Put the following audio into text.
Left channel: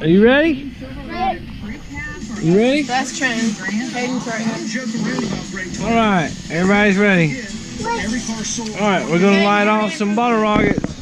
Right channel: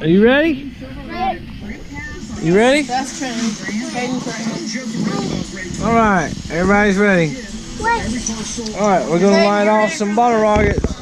Are you ready? You ready? That's Trent. Hayden's right here. All right, everybody's ready. All right, we're gonna light off some bottle rockets.